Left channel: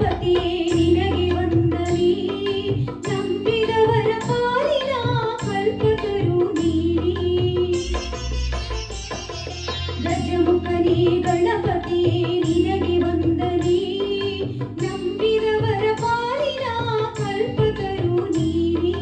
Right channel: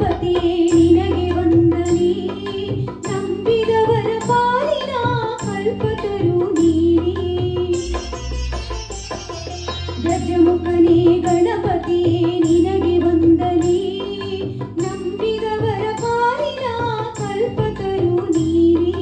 ಗಣಪತಿಯೇ ನಿನಗೆ ವಂದನೆ ನಂಬಿದವರ ಪಾಲಿನ ಕಲ್ಪತರು ನೀನೇ ಗಜಮುಖನೇ ಗಣಪತಿಯೇ ನಿನಗೆ ವಂದನೆ ನಂಬಿದವರ ಪಾಲಿನ ಕಲ್ಪತರು ನೀನೇ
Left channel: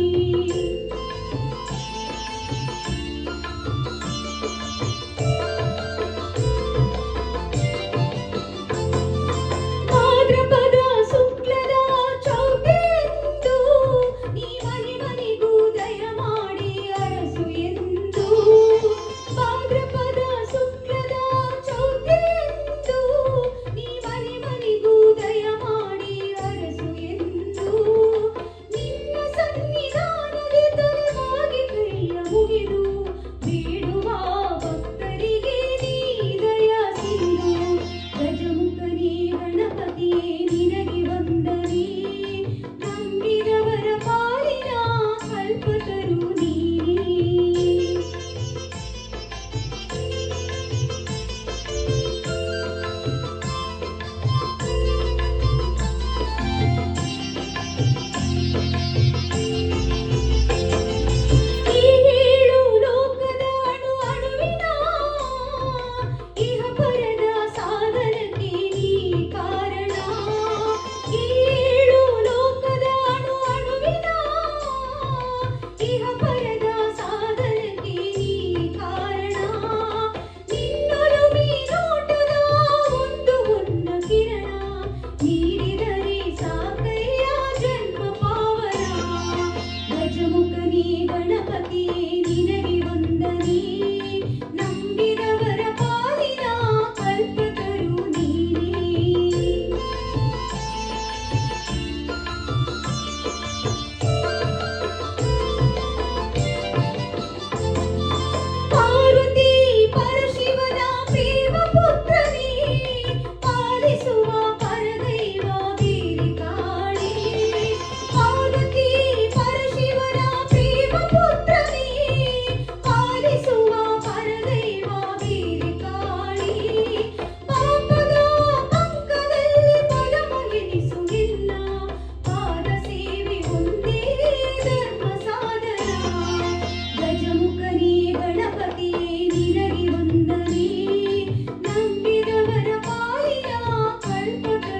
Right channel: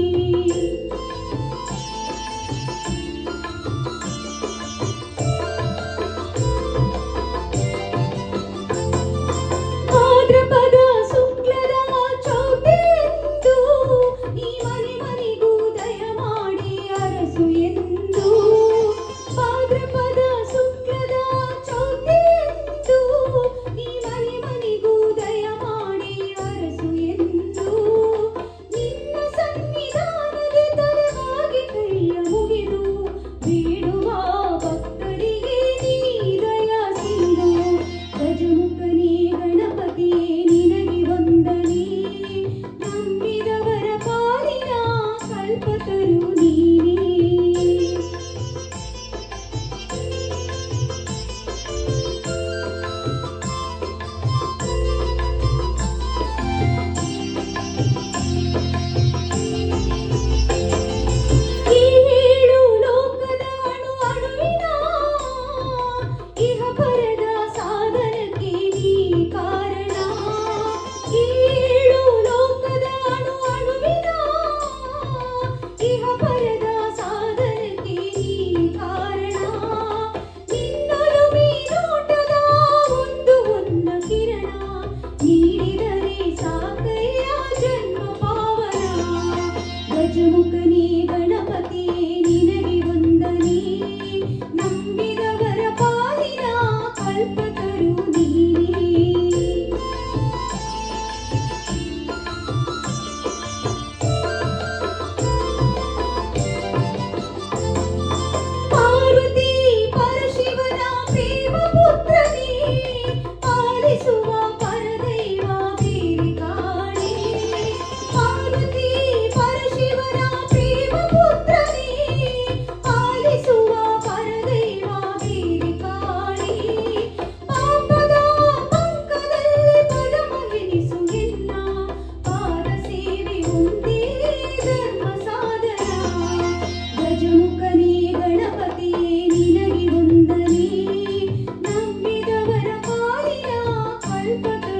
ಗಜಮುಖನೇ ಗಣಪತಿಯೇ ನಿನಗೆ ವಂದನೆ ನಂಬಿದವರ ಪಾಲಿನ ಕಲ್ಪತರು ನೀನೇ ಪಾರ್ವತಿ ಪರಶಿವನ ಪ್ರೇಮ ಪುತ್ರನೇ ಪಾಲಿಸುವ ಪರದೈವ ಬೇರೆ ಕಾಣೆ ಪಾರ್ವತಿ ಪರಶಿವನ ಪ್ರೇಮ ಪುತ್ರನೇ ಪಾಲಿಸುವ ಪರದೈವ ಬೇರೆ ಕಾಣೆ ಪಾಪದ ಪಂಕದಲ್ಲಿ ಪದಮಗೆನಿಸುವುದಿಲ್ಲ ಪಾದ ಸೇವೆ ಒಂದೇ ಧರ್ಮ ಸಾಧನ ಗಜಮುಖನೇ ಗಣಪತಿಯೇ ನಿನಗೆ ವಂದನೆ ನಂಬಿದವರ ಪಾಲಿನ ಕಲ್ಪತರು